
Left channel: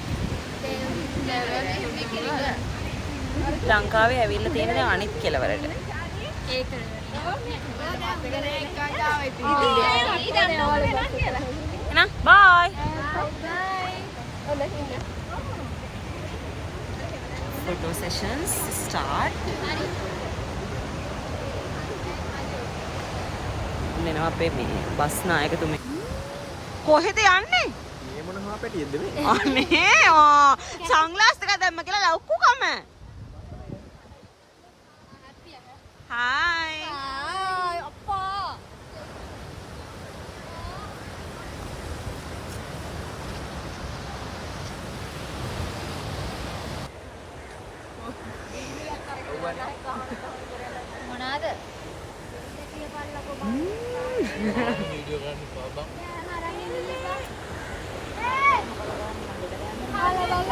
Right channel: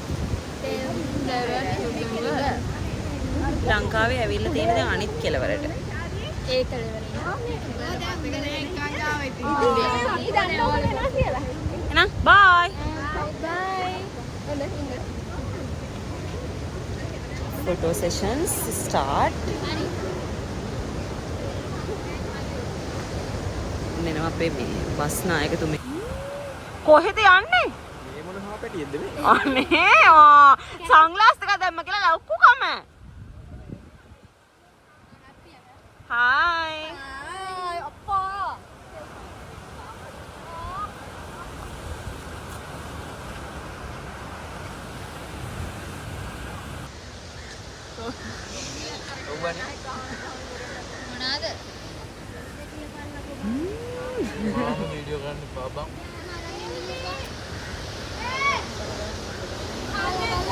ලංකාවේ ඇවිල්ලා තියෙන දැන් අනිත් කෙලවරට ඒ එහෙනම් බයි photo sessions start ඔන්නෙනවා අපේ මේ බස් නායකතුමේ කොහෙද යන්නේ මේ මොන හාපැටියෙක්ද මේ? අනේ සන්ග්ලාස් එක දැම්ම කියලා ලව්කු කම හායි අප්පා වීඩියෝ ගන්න පාබම්.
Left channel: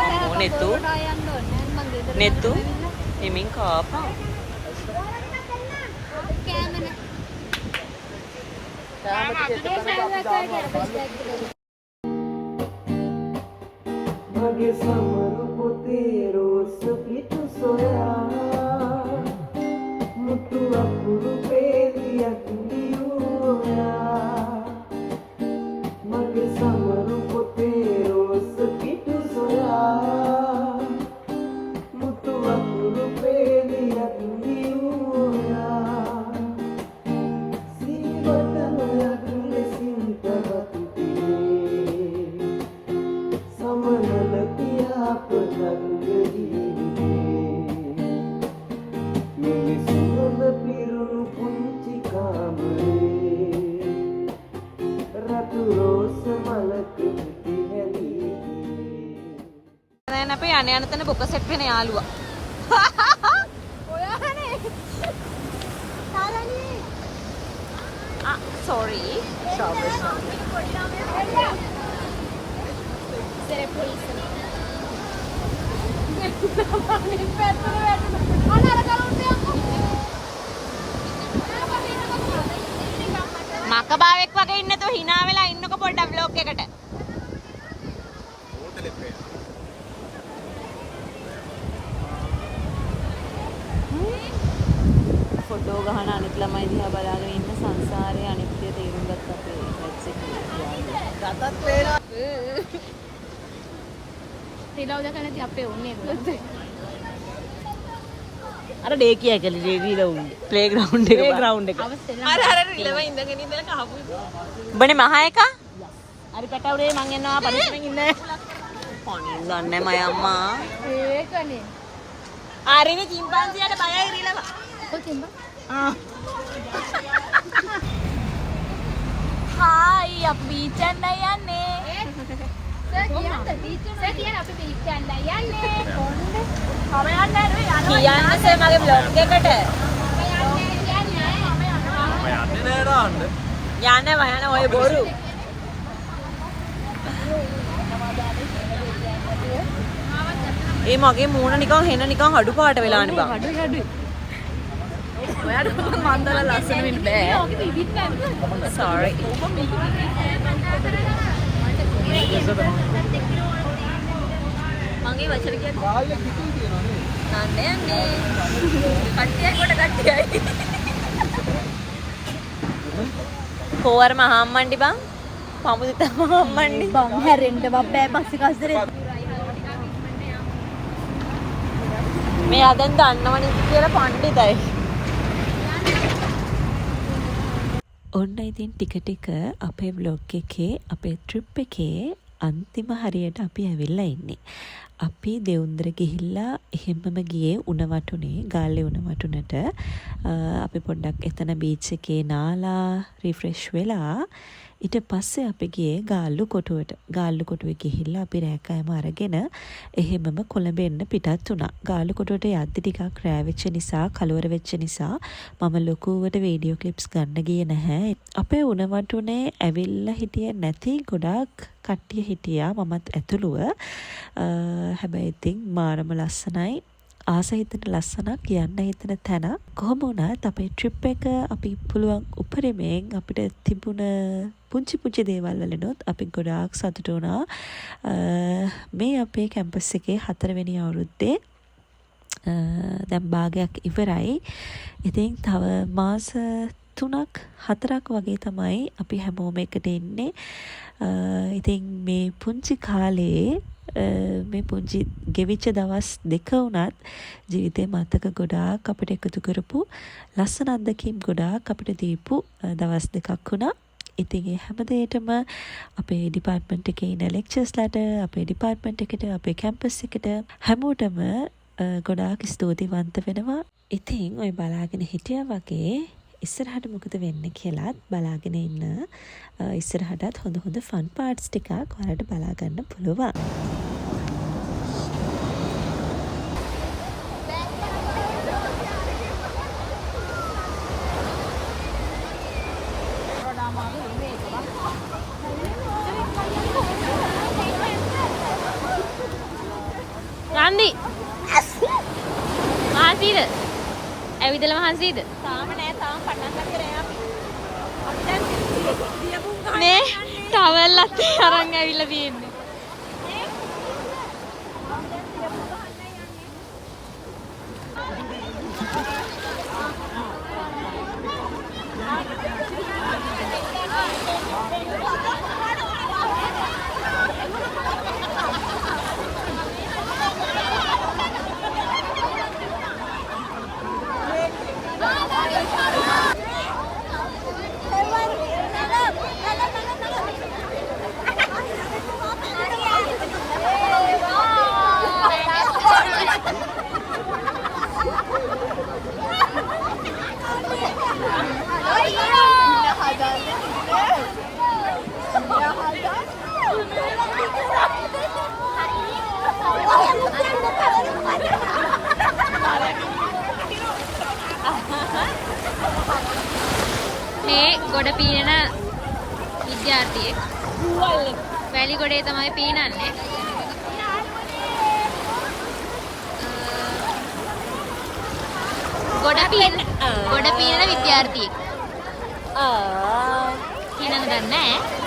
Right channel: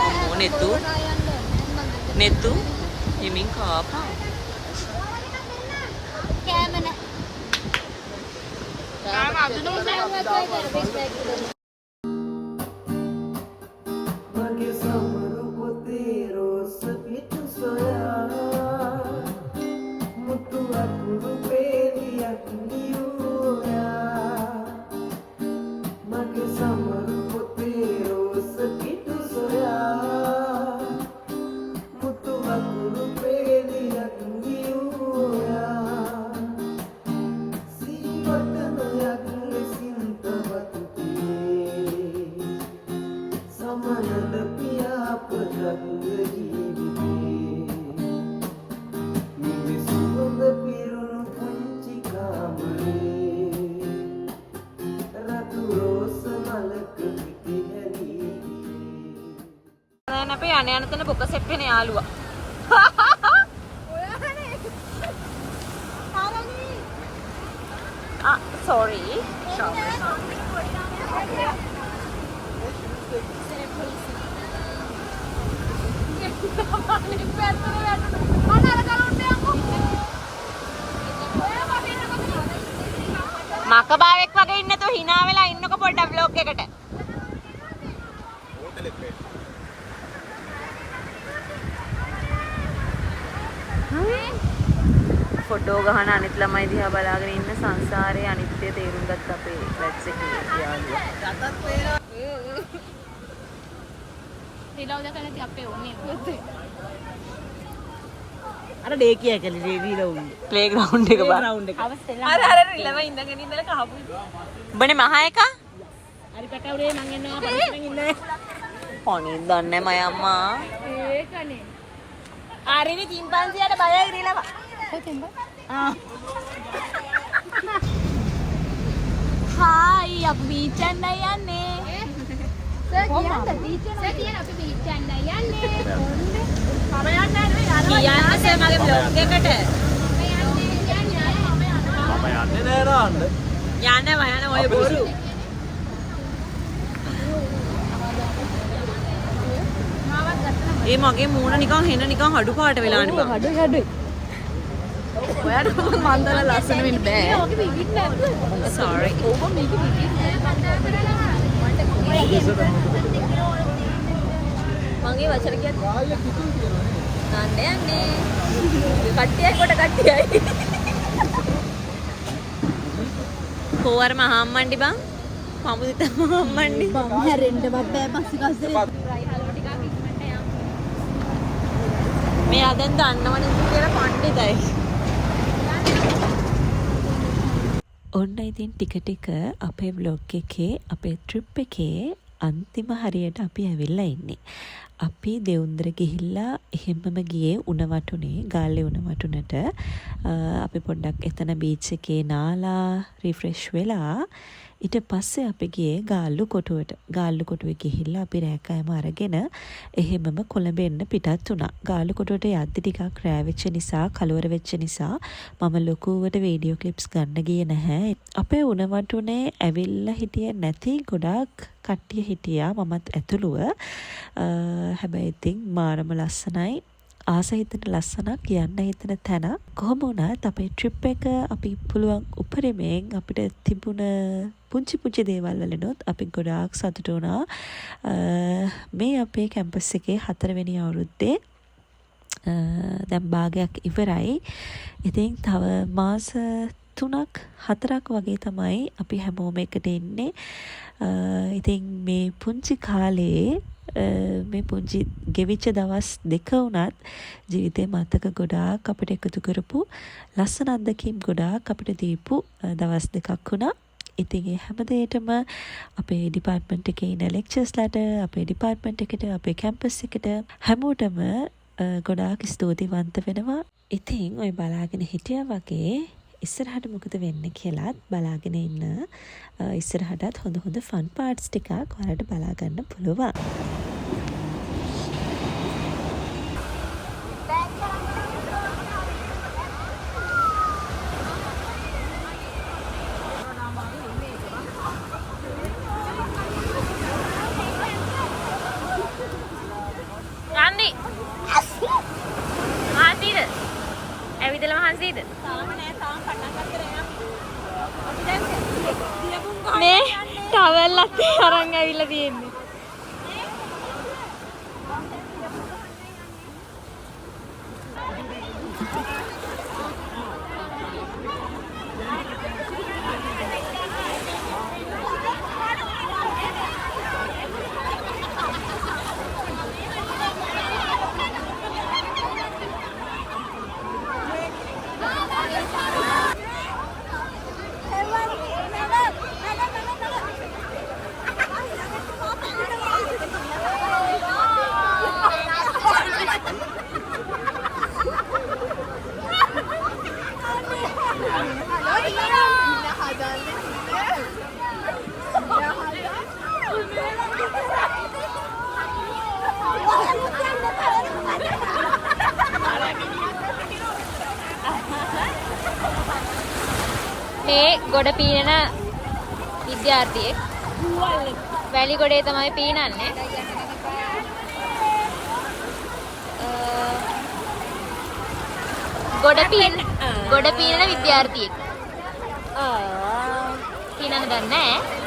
අම්මෝ නෙතු හිමින් කාපා කෑමන මගේ සමරු පොතේ රෝස පිටු සොයා මුතු අකුරු පේලියක් දියුයා මගේ සමරු පොතේ රෝස පිටු සොයා මුතු අකුරු පේලියක් දියුයා සිවටනයක් ලෙසින් තවතුතියේ සමනල පියාපතක් ජීවිතේ මිනිසුන්ව පිරුණු පුංචි කාමරේ රතු රෝස මලක පිටිහැලී දැන් අපේ යන යන තැන බොක සෙට් වෙන යාළුවා ඔයානේ sorry මකබාවෙක් වගේ ඉන්න තු hina වෙලා ඉන්නකො පොඩ්ඩක් vlog එකට හෝටලෙත් වේ. ෆොටෝ ගහන අනිත් ළමයි දිහා බලාගෙන ඉන්න සංසාරයේ අනිත්‍ය තේරුම් ගත්ත අපේ බැච් එකේ යාළුවා. රිලව් දෙක නැති අපේ ඕනේ අර ඩේ කියා කලේ රීලවුන් ප්ලේග්‍රවුන්ඩ් එක බා. අවස්ථේ අර රිලව ඉඳගෙන ඉඳලා කහපු. උඹනේ මහා එකා? අර කටවරේ මං එනවා පරිස්සමෙන් ඉන්න පොණින් දන්නේ මය අම්මා. ඒකනේ ආරිනේ චිම්පන්සියට බයයි රිලව. කොතෙන්ද හායි අපි බීච් යන්න යන්නේ. සර් කියන්නේ බීච් එක කියන්නේ අපි බීච් යන්න යන්නේ කොණ්ඩ කියන්න සර් මගේ vlog එකට. මම යන්නේ නෑ නාන්න. යන්න ඔය බොරු. ඒ මගේ මූණ නිකන් හෙන නිකන් හඩු පාට වෙලානේ බං. ඔයාට මන්දල ලස්සන වෙන්න බෑ sorry. මගේ වචන කියන්නේ කාලේ කිතුල් තියනවා නේද? නන්නේ යන්නේ කට්ටියක් කොට කට්ටියයි කෝවර මහම්මණ්ඩි බං. පමුදිත මහම්මණ්ඩි. බං හැරෙන්න බබ්බෑ පස්සේ කස්තරේ මෙයා දැන් දන්නවනේ කියලා පණ්ඩිතයි. ඔන්න ඉතින් ටික ටික අපේ vlog එකේ අපේ trip එකේ අන්තිම හරියට අපි ඇවිල්ලා ඉන්නේ. අපි දෙවුන්දර ගිහිල්ලා එහෙමම ගියේ උණවටුනේ ගාල්ලේ උණවටුනට. අපි පොඩ්ඩක් එතන බීච් එකේ නාලා රිෆ්‍රෙෂ් වෙලා ඊට පස්සේ අපි ගියේ ගාල්ලු කොටුවට. ගාල්ලු කොටුවේ ගිහිල්ලා අපි රෑකෑම අරගෙන එහෙමම කොළඹ එන්න පිටත් වුණා. ගාල්ලු කොටුවට යද්දි ටිකක් රෑ වෙච්ච නිසා, කලවර වෙච්ච නිසා මම ලොකුවට වීඩියෝ ක්ලිප්ස් ගන්න ගියේ නැහැ. අපේ උණවටුනේ ඇවිල්ලා හිටියේ නැති ගොඩාක් කට්ටිය හිටියා, මමත් ඇතුළුව. හැබැයි ඉතින් මාරම ලස්සනයි. ආස හිතන ලස්සනක්, යන්න හිතන තැන. කොහොම වුණත් අපේ ට්‍රිප් එක අපි පුළුවන් උපරිමයෙන් අපිට තිබුණ පුංචි පුංචි දේවල් වලිනුත් අපි ගොඩාක් සතුටු වුණා. මේ අපේ කැම්පස් එකේ 4 වෙනි අවුරුද්දේ දැන් භාගයක් ඉවරයි. ඉතින් තව මාස 3ක් 4ක් වගේ තමයි අපි හැමෝම එකට ඉන්නේ. ඉතින් මේ පුංචි කාලේ මේ පුංචි ගෙවිච්ච දවස් 2 වුණත් ජීවිතේ මතක ගොඩාක් අපිට එකතු කරපු ලස්සන අත්දැකීම් ගොඩාක් අපිට දීපු දවස් 2ක් වුණා. ඉතින් ඒ හැම දෙයකටම අපේ ඩිපාර්ට්මන්ට් එකේ ඉන්න ලෙක්චර්ස්ලාට, අපේ ඩිපාර්ට්මන්ට් එකට, අපේ කැම්පස් එකට හැමෝටම ගොඩාක් ස්තුතිවන්ත වෙනවා. ඉතින් ඔය බලාගෙන හිටියා වගේ ඉස්සරහට මොකද වෙන්නේ කියලාත් බලාගෙන ඉන්න. ඉස්සරහටත් හොඳ ෆන් පාර්ට්ස් ටිකක් ඔයාලට බලා ගන්න පුළුවන්. යන්දි මාසීද ඇවිදලා මහන්සියද නේ ටවල් අතේ අරන් ඇවිල්ලා තියෙන්නේ. මේ ගොඩ පීනන විද්‍යාර්ථියෙක් වැලි ගොඩේ තමයි පීනන්නේ. ගොඩ පීනන විද්‍යාර්ථියෙක්. පීනන්න දන්නේ නැහැ.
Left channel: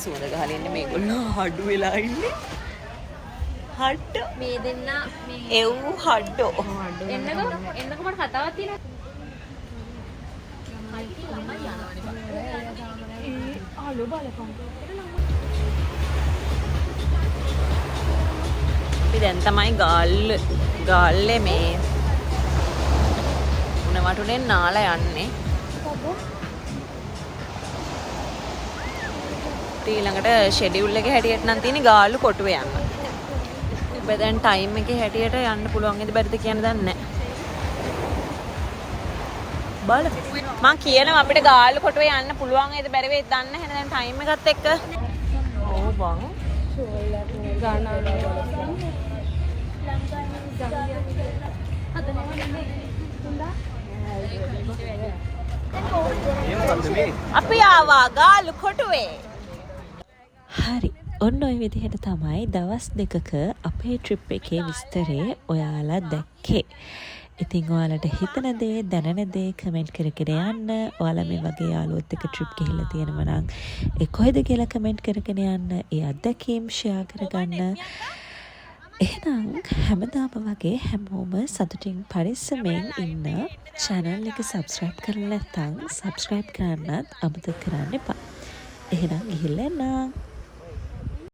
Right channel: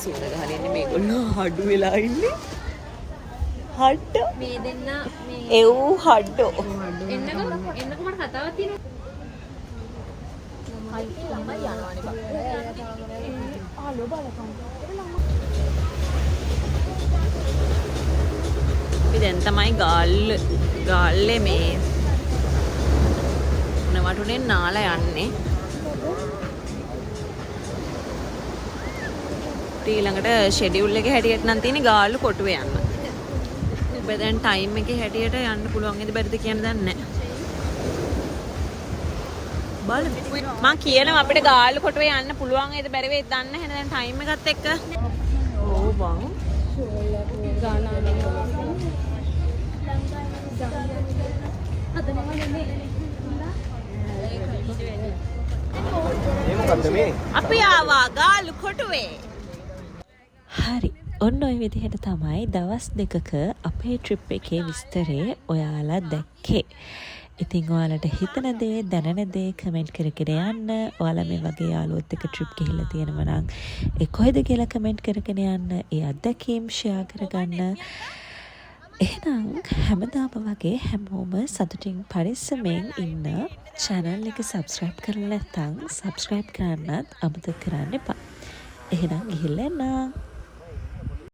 සුවඳ ගහලා ඉන්නේ මේගොල්ලෝ හඩු වෙලා ඉන්නේ. හඩ මේ දෙන්න එව් හඩෝ. එන්නකො මට කතාවක් තියෙනවා. අපි දැන් තමයි ගාල්ලේ මේ උණ වටුනේ නාලා යන්නේ. ඊළඟට ෂෙඩියුල් එකේ හැටියට නම් තියෙන්නේ ගාල්ලු කොටුවේ යන්න. හැබැයි දැන් ටයිම් එකේ හැටියට යන්න පුළුවන් වේද බැරිද කියන දන්නේ නැහැ. බලමු. මම කියනවා අපිට ගාල්ලු කොටුවේ යන්න පුළුවන් වේද බැරි වේද දන්නේ නැහැ. දැන් ටයිම් එකත් එක්ක. ඕ බං. අපි ආවා ගාල්ලු කොටුවේ. හරි. ඔන්න ඔය විදිහට තමයි දවස් දෙකක අපේ ට්‍රිප් එකේ විස්තරේ ඔයාලා දැක්කේ. ඉතින් ඔයාලට හිතන දේ දැනෙන දේ කමෙන්ට් කරගෙන යන්න. ඔයාලා මේ වගේ යාළුවොත් එක්ක ට්‍රිප් ගිහිල්ලා තියෙනවා නම් ඒ කොහෙද කියලා කමෙන්ට් කරගෙන යන්න. ඒ අත්දැකීම් ෂෙයා කරගන්න. එහෙනම් හැමදාම වගේ හැමෝම සතුටින් පරිස්සමෙන් ඉන්න. channel එක subscribe කරලා නැත්නම් subscribe කරන්නත් අමතක කරන්න එපා. එහෙනම් ගිහිල්ලා එන්න.